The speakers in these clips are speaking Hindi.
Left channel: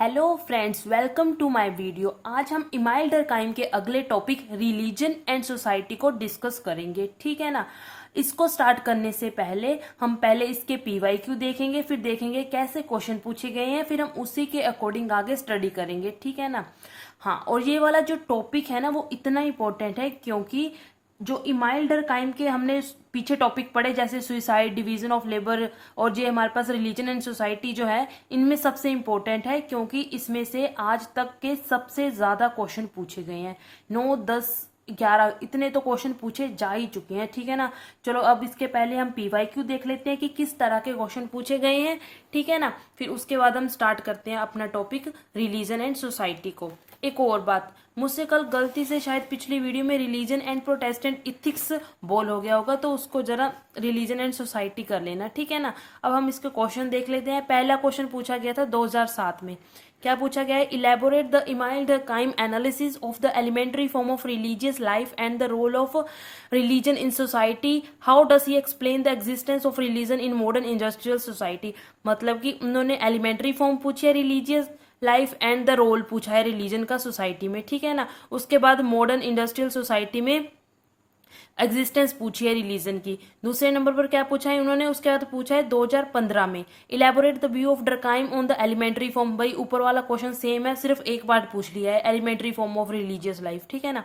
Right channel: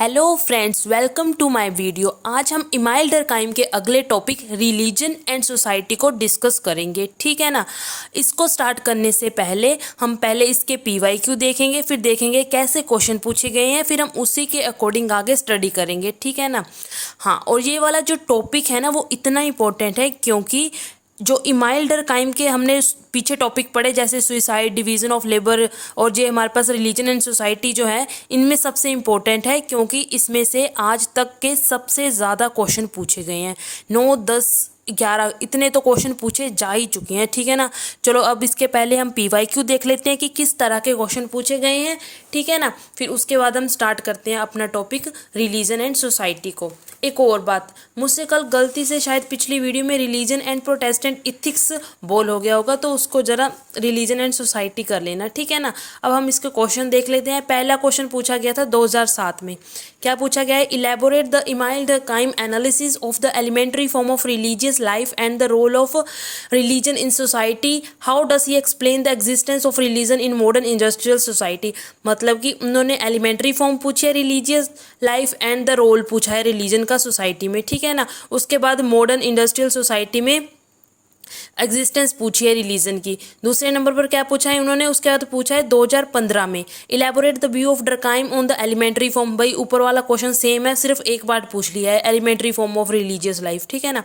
Hello friends, welcome to my video. आज हम इमाइल डरकाइम के अगले टॉपिक रिलीजन एंड सोसाइटी को डिस्कस करेंगे, ठीक है ना। इसको स्टार्ट करने से पहले हम पहले इसके पीवाईक्यू देखेंगे, फिर देखेंगे कैसे क्वेश्चन पूछे गए हैं, फिर हम उसी के अकॉर्डिंग आगे स्टडी करेंगे, ठीक है ना। हाँ, और ये वाला जो टॉपिक है ना वो इतना इम्पोर्टेंट है क्योंकि जो इमाइल डरकाइम के हमने पीछे टॉपिक पढ़े जैसे सुइसाइड, डिवीज़न ऑफ लेबर और जो हमारे पास रिलीजन एंड सोसाइटी जो है, इनमें सबसे इम्पोर्टेंट है क्योंकि इसमें से आज तक के सबसे ज़्यादा क्वेश्चन पूछे गए हैं। 9, 10, 11 इतने तो क्वेश्चन पूछे जा ही चुके हैं, ठीक है ना। चलो अब इसके पहले हम पीवाईक्यू देख लेते हैं कि किस तरह के क्वेश्चन पूछे गए हैं, ठीक है ना। फिर उसके बाद हम स्टार्ट करते हैं अपना टॉपिक रिलीजन एंड सोसाइटी को। एक और बात, मुझसे कल गलती से शायद पिछली वीडियो में रिलीजन एंड प्रोटेस्टेंट इथिक्स बोल हो गया होगा, तो उसको जरा रिलीजन एंड सोसाइटी कर लेना, ठीक है ना। अब हम इसके क्वेश्चन देख लेते हैं। पहला क्वेश्चन पूछा गया था 2007 में। क्या पूछा गया है? Elaborate the Emile Durkheim analysis of the elementary form of religious life and the role of religion in society. How does he explain the existence of religion in modern industrial society. मतलब कि उन्होंने एलिमेंट्री फॉर्म पूछी है religious life and the role पूछा है रिलीजन का सोसाइटी में, ठीक है ना। उसके बाद मॉडर्न इंडस्ट्रियल सोसाइटी में एग्जिस्टेंस पूछी है रिलीजन की। दूसरे नंबर पर क्या पूछा है उन्होंने? उसके बाद पूछा है 2015 में, elaborate the view of Durkheim on the elementary form. भाई ऊपर वाला क्वेश्चन सेम है, सिर्फ एक बार पूछ लिया है, elementary form of religious life, ठीक है ना।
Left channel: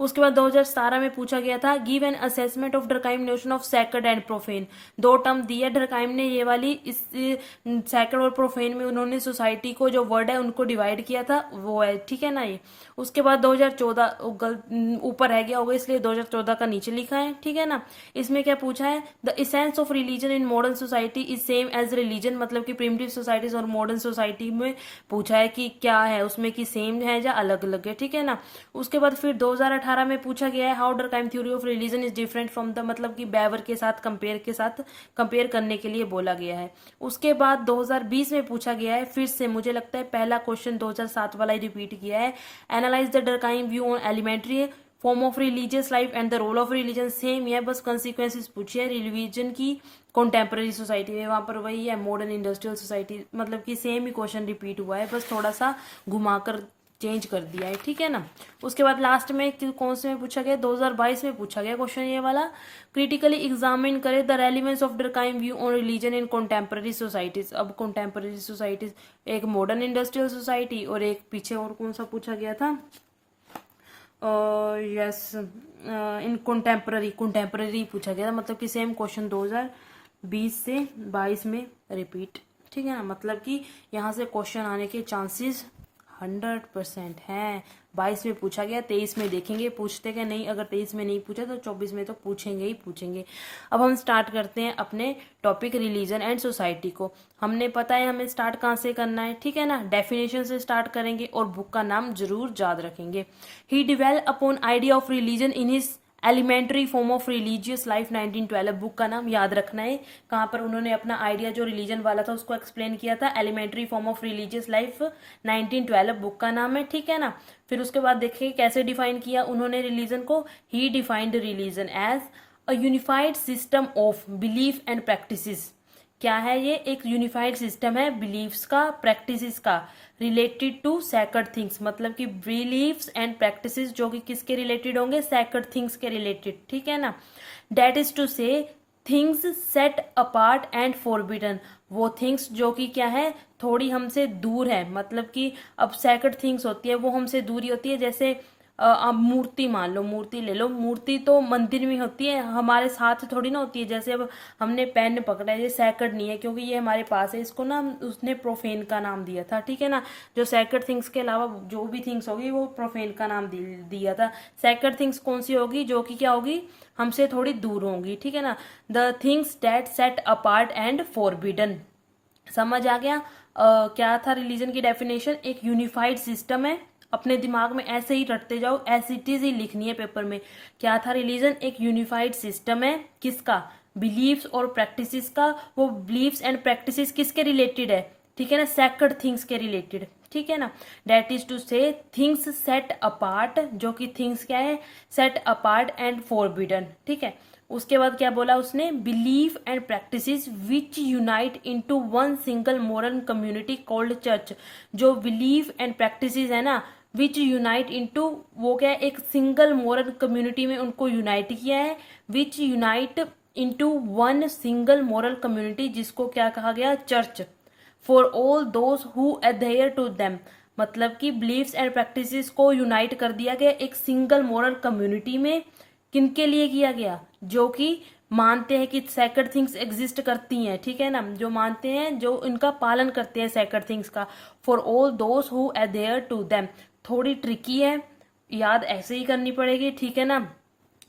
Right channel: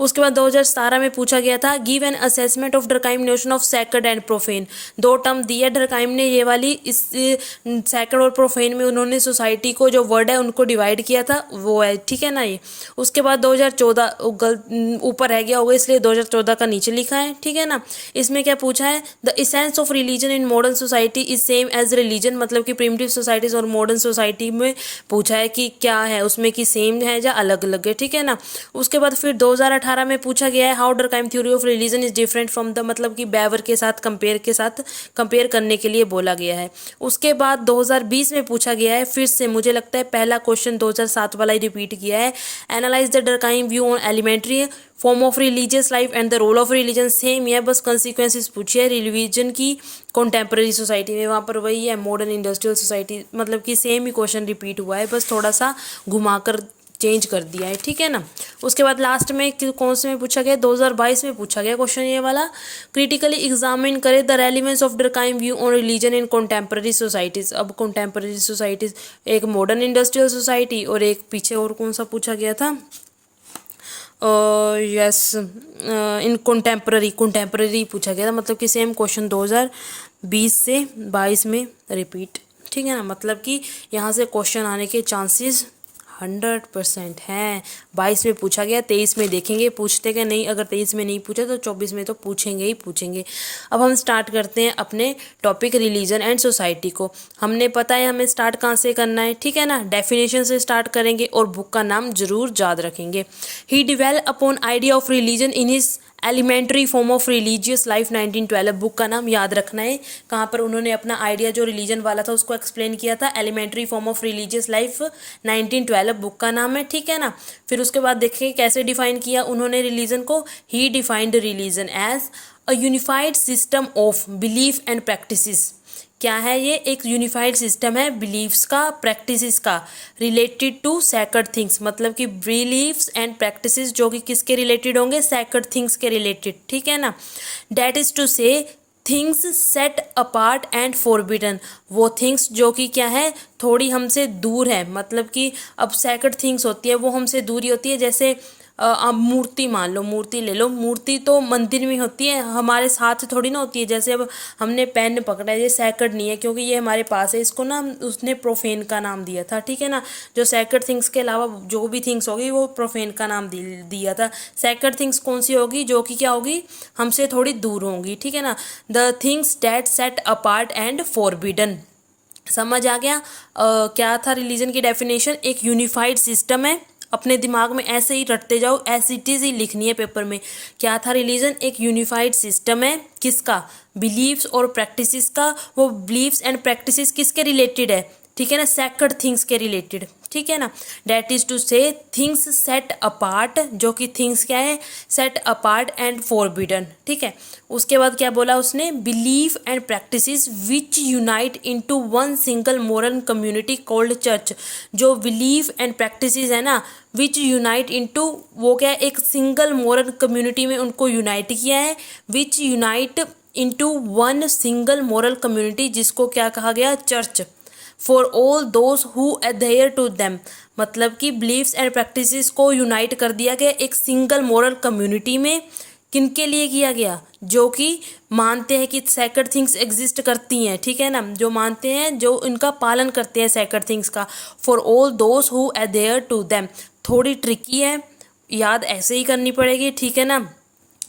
उसके बाद 2017 में पूछा गया था, give an assessment of Durkheim notion of sacred and profane. दो टर्म दिया डरकाइम ने ये वाली, इस सैक्रेड और प्रोफेन में उन्होंने सोसाइटी को जो वर्ड है उनको डिवाइड किया था, वो है, ठीक है ना ये। उसके बाद 2014 ऊपर रह गया होगा इसलिए 2014 का नीचे लिखा है, ठीक है ना। इसमें क्या पूछा है? The essence of religion in modern society is same as religion. मतलब कि प्रिमिटिव सोसाइटीज और मॉडर्न सोसाइटी में पूछा है कि क्या है उसमें, कि सेम है या अलग अलग है, ठीक है ना। उसके बाद फिर 2018 में पूछा गया है, how Durkheim theory of religion is different from the, मतलब कि बेवर के साथ कंपेयर करने के लिए बोला गया है। उसके बाद 2020 में पूछा गया है, फिर से मुझे लगता है पहला क्वेश्चन 2007 वाला ही रिपीट किया है। Analyse the Durkheim view on elementary form of religious life and the role of religion. Same है, बस कंसिक्वेंसेस पूछी है रिलीजन की कॉन्टेम्प्रेरी सोसाइटी में, वहाँ पर वही है मॉडर्न इंडस्ट्रियल सोसाइटी, मतलब कि सेम ही क्वेश्चन रिपीट हुआ है, बस थोड़ा सा घुमाकर चेंज कर दिया है, ठीक है ना। उसके बाद लास्ट में कौन से में पूछा गया? 2022 में पूछा गया क्वेश्चन ये वाला, क्रिटिकली एग्जामिन करे the relevance of Durkheim view on religion in contemporary societies. अब कॉन्टेम्प्रेरी सोसाइटीज, एक मॉडर्न इंडस्ट्रियल सोसाइटी और एक पीछे और कौन सा पूछा गया था? यस, इन कंटेम्प्रेरी पूछा गया था। मतलब कि सेम क्वेश्चन 2020 से 22 में रिपीट, ठीक है ना। मतलब कि यहाँ से क्वेश्चन आने के चांसेस 100% हैं। 22 में पूछा गया, 23 में देखेंगे पूछते क्या नहीं। अगर 23 में नहीं पूछा तो 24 में तो पूछेंगे ही पूछेंगे। अब हम स्टार्ट करते हैं अपने टॉपिक रिलीजन एंड सोसाइटी को। हमने पता है हमें स्टार्ट कहाँ से करना है, ठीक है ना। डेफिनेशन से स्टार्ट करेंगे और बुक का नाम जरूर याद रखेंगे। He develop upon idea of religion in his elementary form of religious life 1912। Book का नाम याद रखना है, कहाँ पर उन्होंने अपना आइडिया जो रिलीजन वाला था उसको एक्सप्लेन किया था। Elementary form of religious life 1912 book का नाम है, ठीक है ना। फिर उसके बाद देखिए कैसे डिफाइन किया उन्होंने रिलीजन को। He defined religion as a unified system of belief and practices. क्या है ये? एक यूनिफाइड सिस्टम है बिलीफ्स का, प्रैक्टिसेस का, रिलेटेड टू सैक्रेड थिंग्स। मतलब कि बिलीफ्स एंड प्रैक्टिसेस जो कि किसके रिलेटेड होंगे? सैक्रेड थिंग्स के रिलेटेड, ठीक है ना। Date is to say things set apart and forbidden. वो थिंग्स जो कि क्या है, थोड़ी हमसे दूर है। मतलब कि अब सैक्रेड थिंग्स होती है वो हमसे दूर ही होती है। जैसे आप मूर्ति मान लो, मूर्ति ले लो, मूर्ति तो मंदिर में होती है, हमारे साथ थोड़ी ना होती है। जैसे अब हमने पेन पकड़ा है, ये सैक्रेड नहीं है क्योंकि ये हमारे पास है, इसको ना उसने प्रोफेन का नाम दिया था, ठीक है ना। जो सैक्रेड थिंग्स के अलावा जो भी थिंग्स होगी वो प्रोफेन का नाम दिया था। सैक्रेड थिंग्स कौन सी होगी? जो कि क्या होगी, हमसे थोड़ी दूर होंगी, ठीक है ना। The things that set apart and forbidden. समझ आ गया? क्या था रिलीजन की डेफिनेशन? एक यूनिफाइड सिस्टम है। अपने दिमाग में ऐसे ही रटते जाओ, ऐसी चीज ही लिखनी है पेपर में। क्या था रिलीजन? एक यूनिफाइड सिस्टम है। किसका? बिलीव्स और प्रैक्टिसेस का। वो बिलीव्स एंड प्रैक्टिसेस किसके रिलेटेड है? ठीक है ना, सैक्रेड थिंग्स के रिलेटेड, ठीक है ना, that is to say things set apart, जो कि थिंग्स क्या है, सेट अपार्ट एंड फॉरबिडन, ठीक है। उसके बाद क्या बोला उसने, belief and practices which unite into one single moral community called church. जो बिलीफ एंड प्रैक्टिसेस है ना, विच यूनाइट इनटू, वो क्या है, एक सिंगल मोरल कम्युनिटी में उनको यूनाइट किया है, which unite into one single moral community, जिसको क्या कहा गया, church, for all those who adhere to them, मतलब कि बिलीव्स एंड प्रैक्टिसेस को यूनाइट कर दिया गया एक सिंगल मोरल कम्युनिटी में। किनके लिए किया गया, जो कि मानते हैं कि सैक्रेड थिंग्स एग्जिस्ट करती हैं, ठीक है ना, जो मानते हैं, जो इनका पालन करते हैं सैक्रेड थिंग्स का, for all those who adhere to them. थोड़ी ट्रिकी है, याद ऐसे ही करनी पड़ेगी, ठीक है ना।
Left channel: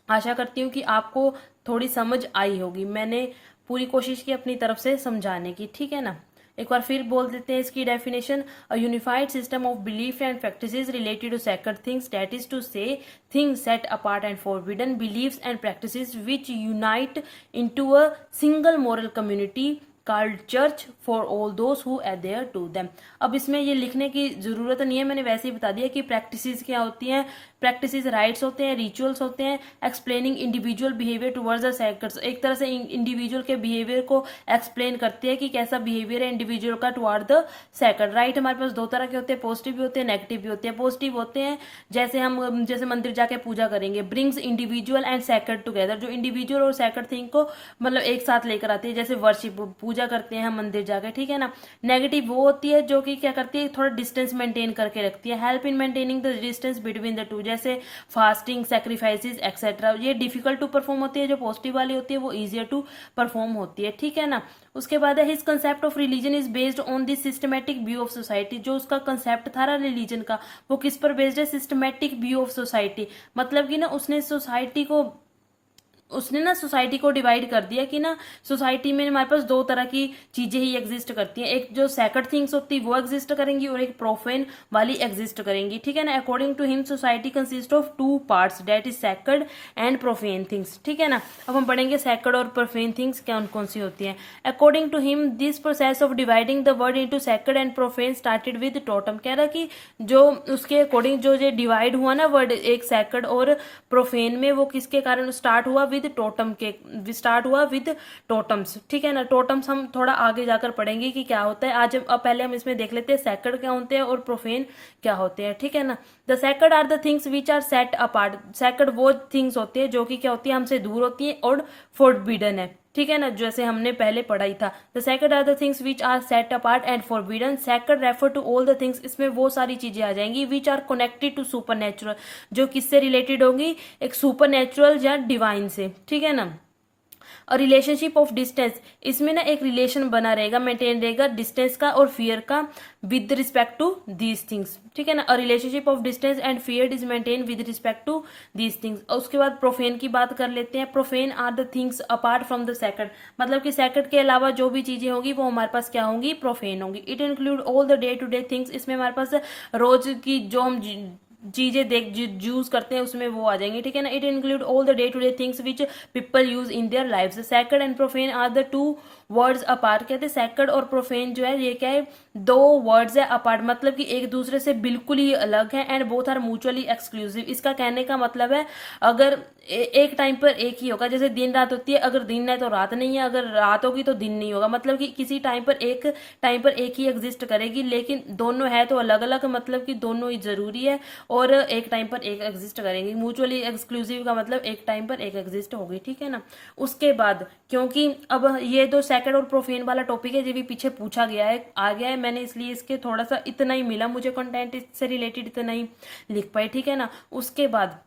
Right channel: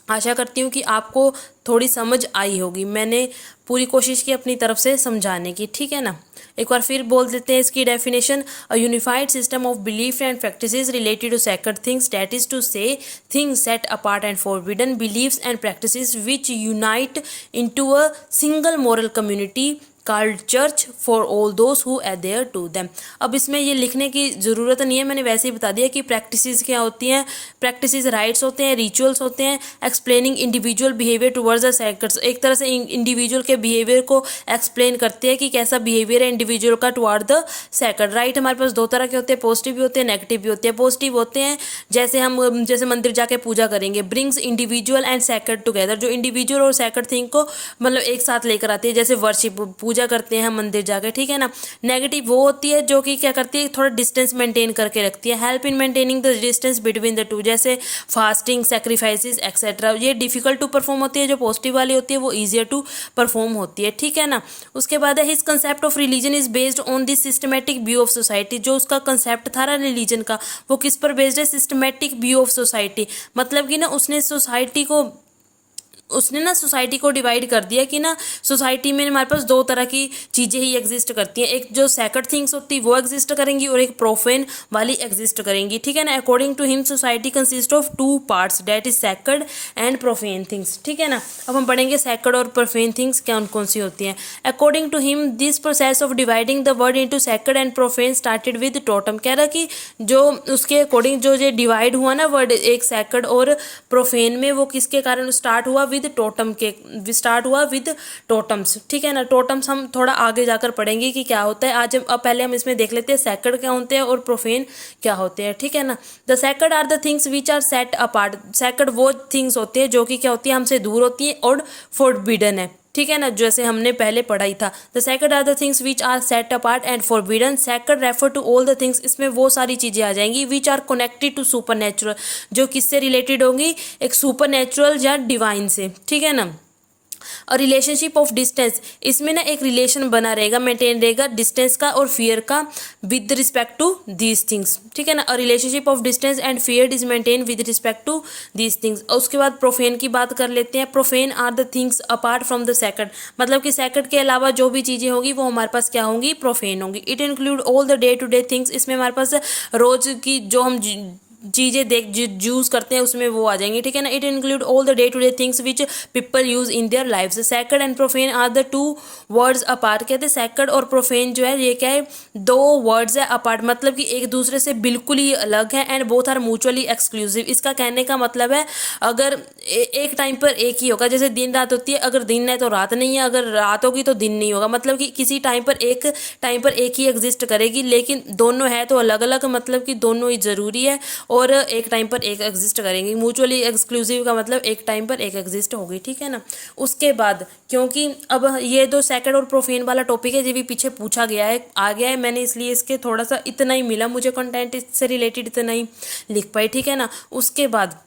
आशा करती हूँ कि आपको थोड़ी समझ आई होगी, मैंने पूरी कोशिश की अपनी तरफ से समझाने की, ठीक है ना। एक बार फिर बोल देते हैं इसकी definition, a unified system of belief and practices related to sacred things, that is to say things set apart and forbidden, believes and practices which unite into a single moral community called church for all those who adhere to them. अब इसमें ये लिखने की ज़रूरत नहीं है, मैंने वैसे ही बता दिया कि प्रैक्टिसेस क्या होती हैं। प्रैक्टिसेस राइट्स होते हैं, रिचुअल्स होते हैं, explaining individual behaviour towards the sacred, एक तरह से इंडिविजुअल के बिहेवियर को एक्सप्लेन करते हैं कि कैसा बिहेवियर है इंडिविजुअल का टुवर्ड द सैक्रेड। राइट हमारे पास दो तरह के होते हैं, पॉजिटिव भी होते हैं, नेगेटिव भी होते हैं। पॉजिटिव होते हैं जैसे हम जैसे मंदिर जाके पूजा करेंगे, brings individual and sacred together, जो इंडिविजुअल और सैक्रेड थिंग को मतलब एक साथ लेकर आती है, जैसे वर्शिप, पूजा करते हैं हम मंदिर जाके, ठीक है ना। नेगेटिव वो होती है जो कि क्या करती है, थोड़ा डिस्टेंस मेंटेन करके रखती है, help in maintaining the distance between the two, जैसे फास्टिंग, सैक्रिफाइसेस एक्सेट्रा। ये डिफिकल्ट टू परफॉर्म होती है, जो पॉजिटिव वाली होती है वो ईजियर टू परफॉर्म होती है, ठीक है ना। उसके बाद है his concept of religion is based on this systematic view of society, जो उसका कंसेप्ट था ना रिलीजन का, वो किस पर बेस्ड है, सिस्टमेटिक व्यू ऑफ सोसाइटी, मतलब कि ना उसने ना सोसाइटी को डिवाइड कर दिया कि ना सोसाइटी में हमारे पास दो तरह की चीज़ें ही एग्जिस्ट करती हैं, एक जो सैक्रेड थिंग्स होती है वो एग्जिस्ट करेंगी और एक प्रोफेन वाली एग्जिस्ट करेंगी, ठीक है ना। According to him society consist of two parts, that is sacred and profane things, ठीक है ना। अब हम पढ़ेंगे सैक्रेड और प्रोफेन थिंग्स कौन कौन सी होती हैं। According to him this process of dividing the world into sacred and profane started with totem, कह रहा कि जो उसके अकॉर्डिंग जो ये डिवाइड हुआ ना वर्ड एक सैक्रेड और प्रोफेन में, वो किसके कारण स्टार्ट हुआ, विद टोटम के, स्टार्ट हुआ विद टोटम्स, ठीक है ना। टोटम्स हम थोड़ा आगे जाकर पढ़ेंगे कि क्या होता है, आज अब पहले हम इसमें देख लेते हैं सैक्रेड क्या होते हैं और प्रोफेन क्या होते हैं, ठीक है ना। The sacred are the things which are set apart, sacred वो थिंग्स होते हैं जो कि क्या होती है, हमसे दूर होती हैं और फॉरबिडन है, ठीक है ना, जैसे हमने पहले पढ़ाई था। The sacred are the things which are set apart and forbidden, sacred refer to all the things, इसमें वो सारी चीज़ें आ जाएंगी which are connected to supernatural, जो किससे रिलेटेड होंगी, एक सुपर नेचुरल या डिवाइन से, ठीक है ना। और रिलेशनशिप ऑफ डिस्टेंस, इसमें ना एक रिलेशन बना रहेगा, मेंटेन रहेगा डिस्टेंस का और फियर का with respect to these things, ठीक है ना। और relationship of distance and fear is maintain with respect to these things. और उसके बाद प्रोफेन की बात कर लेते हैं। Profane are the things apart from the sacred, मतलब कि सैक्रेड के अलावा जो भी चीज़ें होंगी वो हमारे पास क्या होंगी, प्रोफेन होंगी। It include all the day to day things, इसमें हमारे पास रोज की जो हम चीज़ें यूज़ करते हैं उसमें वो आ जाएंगे, ठीक है ना। It include all the day to day things which people use in their lifes. Sacred and profane are the two words apart, कहते हैं सैक्रेड और प्रोफेन जो है ये क्या है, दो वर्ड्स है अपार्ट, मतलब कि एक दूसरे से बिल्कुल ही अलग है, and both are mutually exclusive. इसका कहने का मतलब है अगर एक टाइम पर एक ही होगा, जैसे दिन रात होती है, अगर दिन है तो रात नहीं है, अगर रात होगी तो दिन नहीं होगा, मतलब कि किसी टाइम पर एक ही एग्जिस्ट करेगी, लेकिन दोनों है तो अलग अलग, मतलब कि दोनों ही ज़रूरी है और एक टाइम पर एक एग्जिस्ट करेंगे। म्यूचुअली एक्सक्लूसिव का मतलब एक टाइम पर एक एग्जिस्ट होगी, ठीक है ना। उसके बाद क्योंकि अब ये दो सैक्रेड और प्रोफेन वाला टॉपिक है, ये भी पीछे पूछा गया है, आ गया है, मैंने इसलिए इसके थोड़ा सा इतना ही मिला मुझे कंटेंट, इससे रिलेटेड इतना ही लिख पाई, ठीक है ना। उसके बाद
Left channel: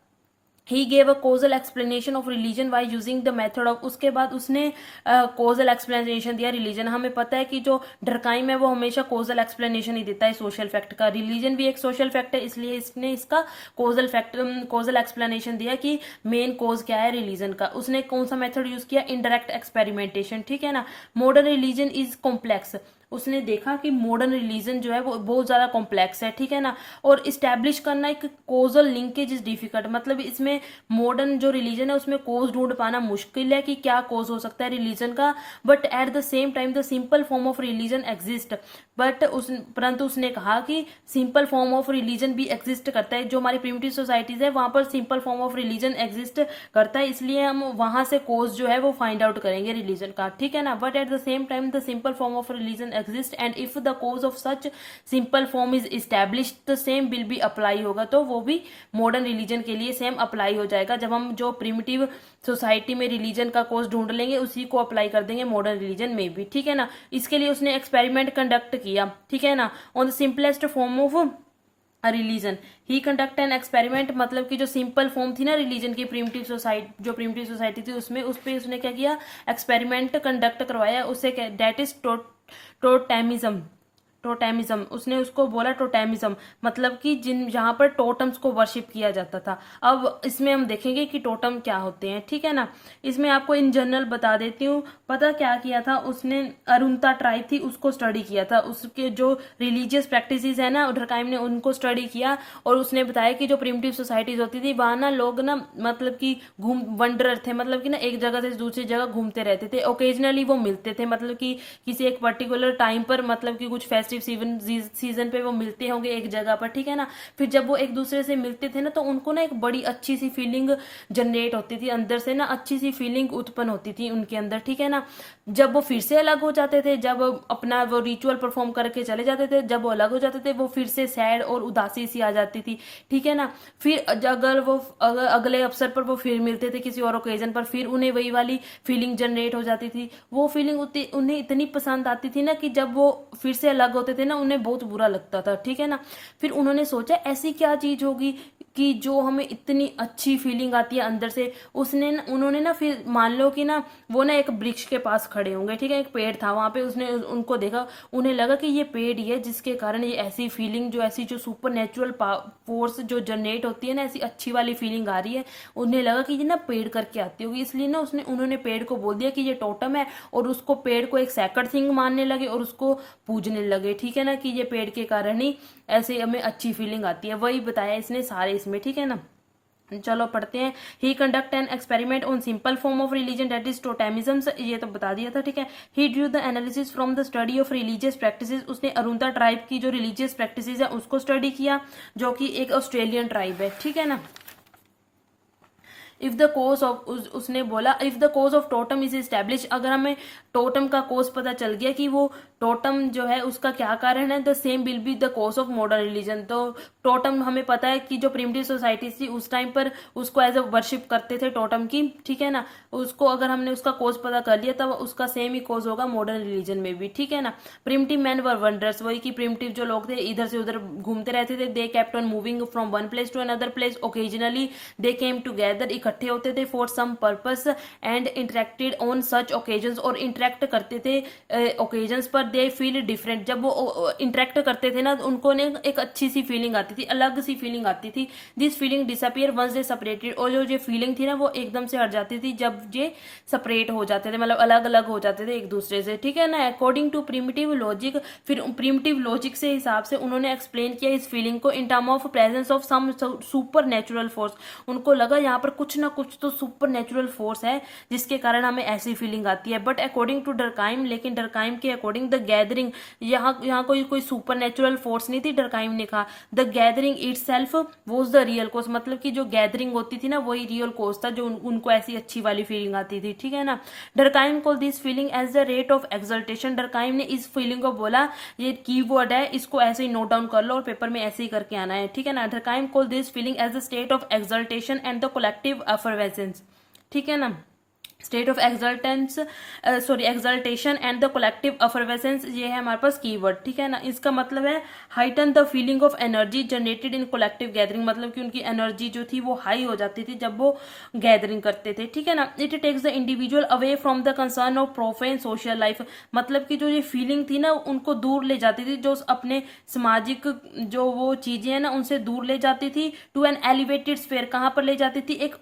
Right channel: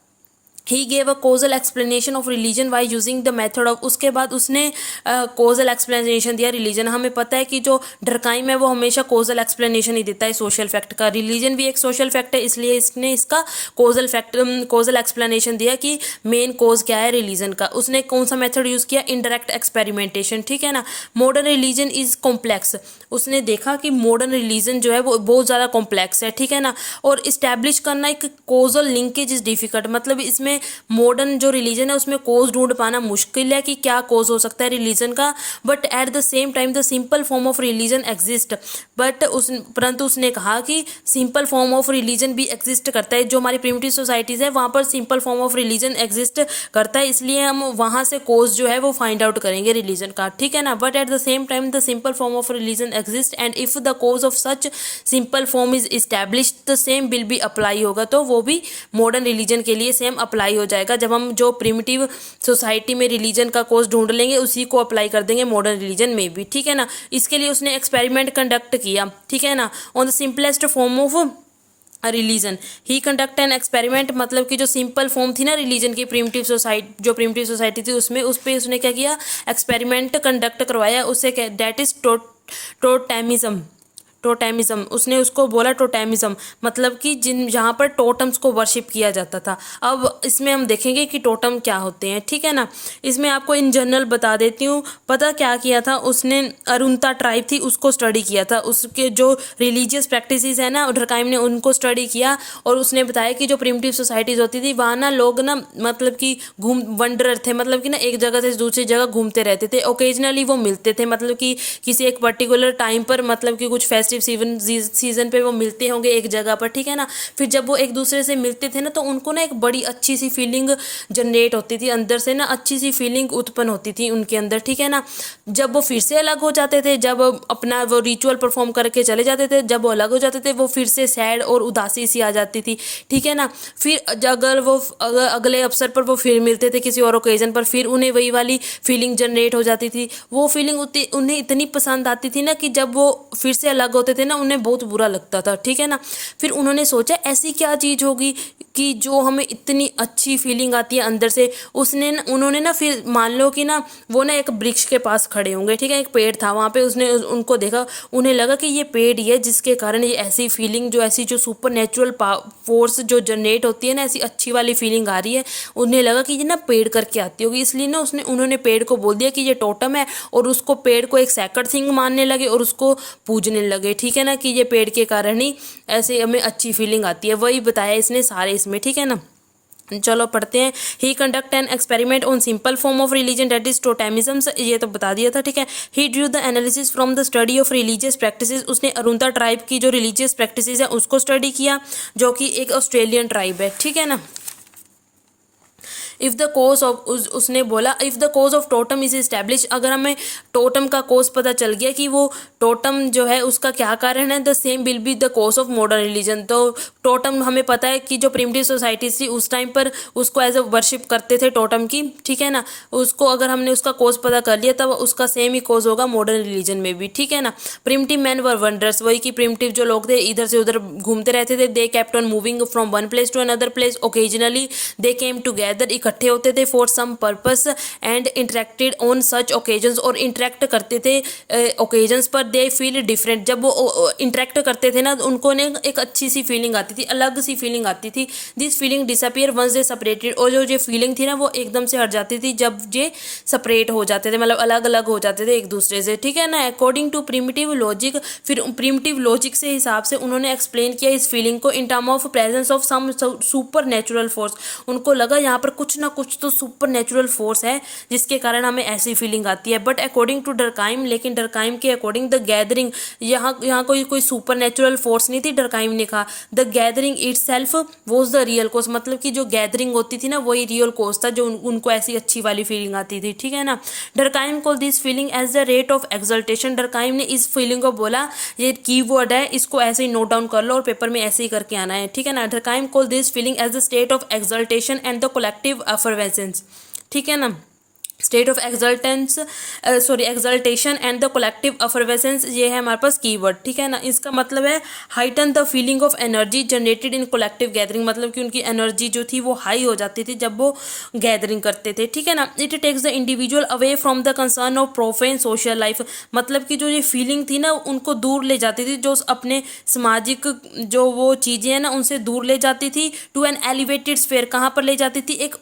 ही gave a causal explanation of religion by using the method of, उसके बाद उसने कोजल एक्सप्लेनेशन दिया रिलीजन। हमें पता है कि जो डरकाइम है वो हमेशा कोजल एक्सप्लेनेशन ही देता है सोशल फैक्ट का, रिलीजन भी एक सोशल फैक्ट है, इसलिए इसने इसका कोजल एक्सप्लेनेशन दिया कि मेन कोज क्या है रिलीजन का। उसने कौन सा मेथड यूज़ किया, इनडायरेक्ट एक्सपेरिमेंटेशन, ठीक है ना। मॉडर्न रिलीजन इज कॉम्प्लेक्स, उसने देखा कि मॉडर्न रिलीजन जो है वो बहुत ज़्यादा कॉम्प्लेक्स है, ठीक है ना, और इस्टेब्लिश करना एक कोजल लिंकेज इज डिफिकल्ट, मतलब इसमें मॉडर्न जो रिलीजन है उसमें कोज ढूंढ पाना मुश्किल है कि क्या कोज हो सकता है रिलीजन का, but at the same time the simple form of religion exist, but परंतु उसने कहा कि सिंपल फॉर्म ऑफ रिलीजन भी एग्जिस्ट करता है, जो हमारी प्रिमिटिव सोसाइटीज़ है वहाँ पर simple form of religion exist करता है, इसलिए हम वहाँ से कोज जो है वो फाइंड आउट करेंगे रिलीजन का, ठीक है ना, but at the same time the simple form of religion exist and if the cause of such simple form is establish the same will be apply होगा, तो वो भी मॉडर्न रिलीजन के लिए सेम अप्लाई हो जाएगा, जब हम जो प्रिमिटिव सोसाइटी में रिलीजन का कोज ढूंढ लेंगे उसी को अप्लाई कर देंगे मॉडर्न रिलीजन में भी, ठीक है ना। इसके लिए उसने एक्सपेरिमेंट कंडक्ट किया, ठीक है ना, on the simplest form of religion he conduct an experiment, मतलब कि जो सिंपल फॉर्म थी ना रिलीजन की जो प्रिमिटिव सोसाइटी थी उसमें उस पर उसने क्या किया, एक्सपेरिमेंट कंडक्ट करवाया, उससे क्या, दैट इज टोटेमिज्म, टोटेमिज्म उसने उसको बोला टोटेमिज्म, मतलब कि जहाँ पर टोटम्स को वर्शिप किया जाता था। अब इसमें हम देखेंगे कि टोटम क्या होते हैं, ठीक है ना। इसमें आपको इन जनरल बता देती हूँ, पता क्या किया था उसने, अरुंता ट्राइब थी उसको स्टडी किया था, उसके जो रिलीजियस प्रैक्टिसेस है ना डरकाइम ने उनको स्टडी किया, और उसने बताया कि जो प्रिमिटिव सोसाइटीज़ होती थी वहाँ ना लोग ना मतलब कि वंडरर थे, मतलब कि ना एक जगह से दूसरी जगह घूमते रहते थे, ओकेजनली वो मिलते थे, मतलब कि किसी एक पर्टिकुलर टाइम पर, मतलब कि कुछ सीजन पे वो मिलते होंगे एक जगह पर, ठीक है ना। फिर जब वो एक दूसरे से मिलते थे ना तो उनको ना एक बड़ी अच्छी सी फीलिंग जनरेट होती थी, अंदर से ना अच्छी सी फीलिंग उत्पन्न होती थी उनके अंदर, ठीक है ना। जब वो फिर से अलग हो जाते थे, जब अपना वो रिचुअल परफॉर्म करके चले जाते थे, जब वो अलग हो जाते थे वो फिर से सैड और उदासी सी आ जाती थी, ठीक है ना। फिर अगर अगले अवसर पर वो फिर मिलते थे किसी और ओकेजन पर, फिर उन्हें वही वाली फीलिंग जनरेट हो जाती थी, वो फीलिंग उन्हें इतनी पसंद आती थी ना कि जब वो फिर से अलग होते थे ना उन्हें बहुत बुरा लगता था, ठीक है ना। फिर उन्होंने सोचा ऐसी क्या चीज़ होगी कि जो हमें इतनी अच्छी फीलिंग आती है अंदर से। उन्होंने ना फिर मान लो कि ना वो ना एक वृक्ष के पास खड़े होंगे, ठीक है, एक पेड़ था वहाँ पे, उसने उनको देखा, उन्हें लगा कि ये पेड़ ही है जिसके कारण ये ऐसी फीलिंग, जो ऐसी जो सुपर नेचुरल फोर्स जो जनरेट होती है ना, ऐसी अच्छी वाली फीलिंग आ रही है, उन्हें लगा कि ये ना पेड़ करके आती होगी, इसलिए ना उन्होंने पेड़ को बोल दिया कि ये टोटम है, और उसको पेड़ को एक सैकड़ सिंह मानने लगे और उसको पूजने लगे, ठीक है ना, कि ये पेड़ के कारण ही ऐसे हमें अच्छी फीलिंग आती है, वही बताया इसने सारे इसमें, ठीक है ना। चलो पढ़ते हैं। He conduct an experiment on simple form of religion that is totemism, ये तो बता दिया था, ठीक है। He drew the analysis from the study of religious practices, उसने अरुंता ट्राइब की जो रिलीजियस प्रैक्टिसेस है उसको स्टडी किया, जो कि एक ऑस्ट्रेलियन ट्राइब है, ठीक है ना। इफ़ द कोज ऑफ उसने बोला if the cause of totem is establish, अगर हमें टोटम का कोज पता चल गया कि वो टोटम जो है उसका क्या कारण है, the same will be the cause of modern religion. तो टोटम हमें पता है कि जो प्रिमिटिव सोसाइटीज थी उस टाइम पर उसको एज अ वर्शिप करते थे टोटम की, ठीक है ना। उसको अगर हमने उसका कोज पता कर लिया तब उसका सेम ही कोज होगा मॉडर्न रिलीजन में भी, ठीक है ना। प्रिमिटिव मैन वर वंडर्स, वही कि प्रिमिटिव जो लोग थे इधर से उधर घूमते रहते थे, they kept on moving from one place to another place, occasionally they came together, इकट्ठे होते थे for some purpose and interacted on such occasions, और इंटरेक्ट करते थे ओकेजन्स पर, दे फील डिफरेंट, जब वो इंटरेक्ट करते थे ना उनको ने एक अच्छी सी फीलिंग आती थी, अलग सी फीलिंग आती थी। This feeling disappear once they separated, और जो फीलिंग थी ना वो एकदम से हट जाती थी जब ये सेपरेट हो जाते थे, मतलब अलग अलग हो जाते थे एक दूसरे से, ठीक है ना। अकॉर्डिंग टू प्रिमिटिव लॉजिक, फिर प्रिमिटिव लॉजिक से हिसाब से उन्होंने एक्सप्लेन किया इस फीलिंग को in term of presence of some supernatural force, उनको लगा यहाँ पर कुछ ना कुछ तो सुपर नेचुरल फोर्स है जिसके कारण हमें ऐसी फीलिंग आती है। बट अकॉर्डिंग टू डरकाइम, लेकिन डरकाइम के अकॉर्डिंग द गैदरिंग, यहाँ कोई सुपर नेचुरल फोर्स नहीं थी, डरकाइम ने कहा the gathering itself was the real cause, मतलब कि जो गैदरिंग होती थी ना वही रियल कॉज था जो उनको ऐसी अच्छी वाली फीलिंग आती थी, ठीक है ना। Durkheim call this feeling as the rate of exaltation, Durkheim ने इस फीलिंग को बोला, ये कीवर्ड है इसको ऐसे ही नोट डाउन कर लो और पेपर में ऐसे ही करके आना है, ठीक है ना। Durkheim call this feeling as the state of exaltation and the collective effervescence, ठीक है ना। State of exaltation and the collective effervescence, ये है हमारे पास कीवर्ड, ठीक है ना। इसका मतलब है heighten the feeling of energy generated in collective gathering, मतलब कि उनकी एनर्जी जो थी वो हाई हो जाती थी जब वो गैदरिंग करते थे, ठीक है ना। It takes the individual away from the concern of profane social life, मतलब कि जो ये फीलिंग थी ना उनको दूर ले जाती थी, जो अपने सामाजिक जो वो चीज़ें हैं ना उनसे दूर ले जाती थी, टू एन एलिवेटेड स्फीयर, कहाँ पर ले जाती थी, एक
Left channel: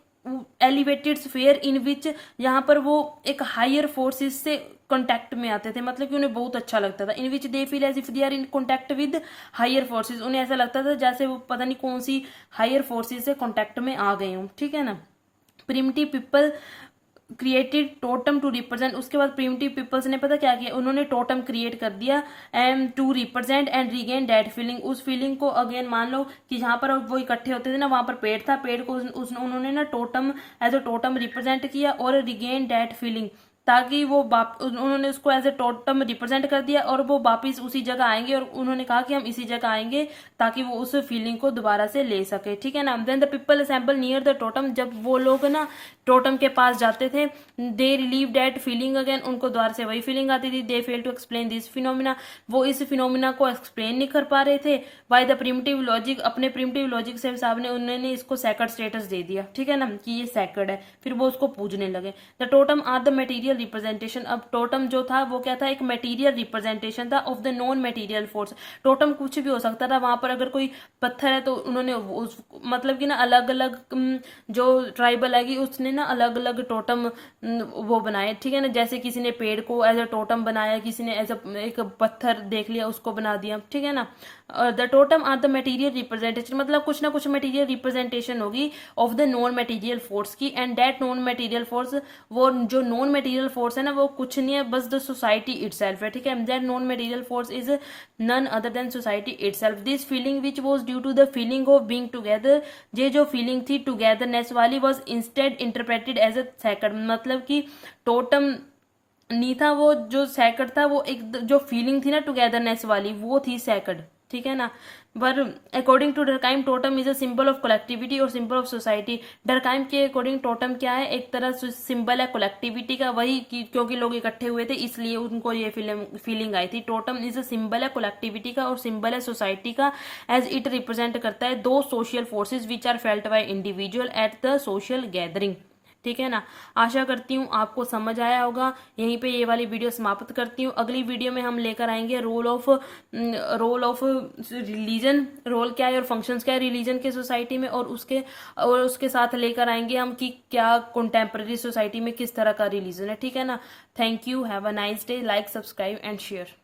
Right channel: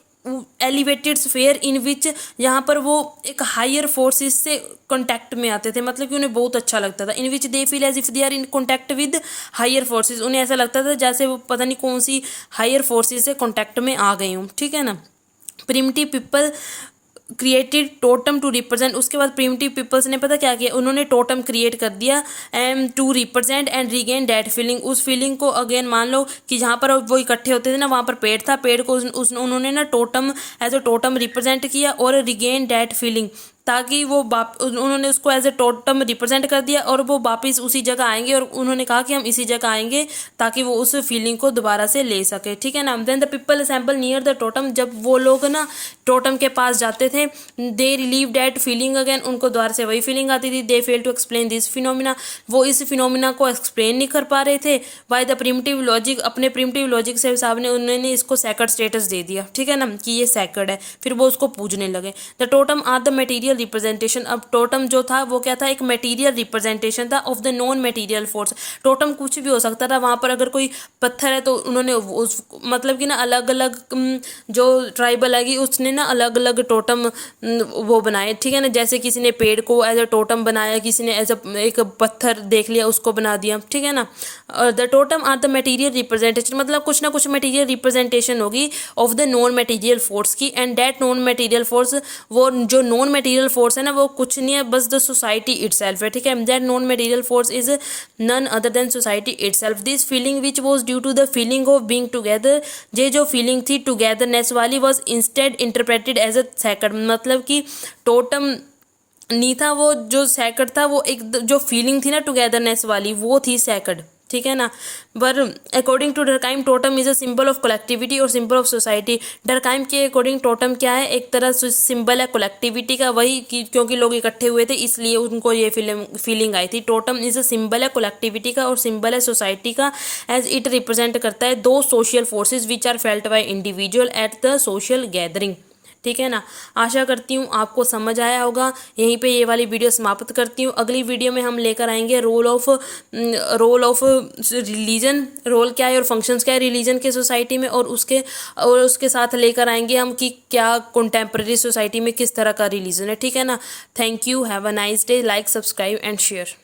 एलिवेटेड स्फेयर इन विच, यहाँ पर वो एक हायर फोर्सेस से कॉन्टैक्ट में आते थे, मतलब कि उन्हें बहुत अच्छा लगता था। In which they feel as if they are in contact with higher forces, उन्हें ऐसा लगता था जैसे वो पता नहीं कौन सी हायर फोर्सेस से कॉन्टैक्ट में आ गए हों, ठीक है ना। Primitive people created totem to represent, उसके बाद प्रिमिटिव पीपल्स ने पता क्या किया, उन्होंने टोटम क्रिएट कर दिया and to represent and regain that feeling, उस फीलिंग को अगेन मान लो कि जहाँ पर वो इकट्ठे होते थे ना, वहाँ पर पेड़ था, पेड़ को उन्होंने ना totem as a totem represent किया और रीगेन दैट फीलिंग, ताकि वो उन्होंने उसको एज ए टोटम रिप्रेजेंट कर दिया और वो वापस उसी जगह आएंगे, और उन्होंने कहा कि हम इसी जगह आएंगे ताकि वो उस फीलिंग को दोबारा से ले सके, ठीक है ना। Then the people assemble near the totem, जब वो लोग ना टोटम के पास जाते थे, they relive that feeling again, उनको दोबारा से वही फीलिंग आती थी। They fail to explain this phenomena, वो इस फिनोमिना को एक्सप्लेन नहीं कर पा रहे थे। बाय द प्रिमिटिव लॉजिक, अपने प्रिमिटिव लॉजिक से हिसाब ने उन्होंने इसको सैकर्ड स्टेटस दे दिया, ठीक है ना, कि ये सैकर्ड है, फिर वो उसको पूजने लगे। The totem are the material representation, अब टोटम जो था वो क्या था, एक मटेरियल रिप्रेजेंटेशन था of the non material force. Totem कुछ भी हो सकता था, वहाँ पर अगर कोई पत्थर है तो उन्होंने मतलब कि ना अलग अलग जो ट्राइबल है उसने ना अलग अलग टोटम वो बनाए, ठीक है ना। जैसे किसी ने पेड़ को एज अ टोटम बनाया, किसी ने एज अ एक पत्थर देख लिया उसको बना दिया, ठीक है ना। The totem are the material representation, मतलब कुछ ना कुछ मटेरियल रिप्रेजेंटेशन होगी of the non material force की, and that non material force, वो जो नॉन मटेरियल फोर्स है ना वो कुछ नहीं है बस द सोसाइटी इटसेल्फ है, ठीक है। That non material force is none other than society itself. This feeling which was due to the feeling of being together, ये जो फीलिंग थी टुगेदरनेस वाली, was instead interpreted as a sacred, मतलब कि टोटम नहीं था वो, जो सैक्रेड था वो एक जो फीलिंग थी ना टुगेदरनेस वाली वो थी सैक्रेड, ठीक है ना। पर according to Durkheim totem is a symbol of collectivity और सिंबल ऑफ सोसाइटी। डरकाइम के अकॉर्डिंग टोटम क्या है, एक तरह से सिंबल है कलेक्टिविटी का, वही कि क्योंकि लोग इकट्ठे हुए थे इसलिए उनको ये फीलिंग आई थी। टोटम इज अ सिंबल है कलेक्टिविटी का और सिंबल है सोसाइटी का, एज इट रिप्रेजेंट करता है दो social forces which are felt by individual at the social gathering, ठीक है ना। आशा करती हूँ आपको समझ आया होगा। यहीं पे ये वाली वीडियो समाप्त करती हूँ। अगली वीडियो में हम लेकर आएंगे रोल ऑफ रिलीजन, रोल क्या है और फंक्शंस क्या है रिलीजन के सोसाइटी में, और उसके साथ लेकर आएंगे हम कि क्या कंटेम्प्रेरी सोसाइटी में किस तरह का रिलीजन है, ठीक है ना। Thank you, have a nice day, like, subscribe and share.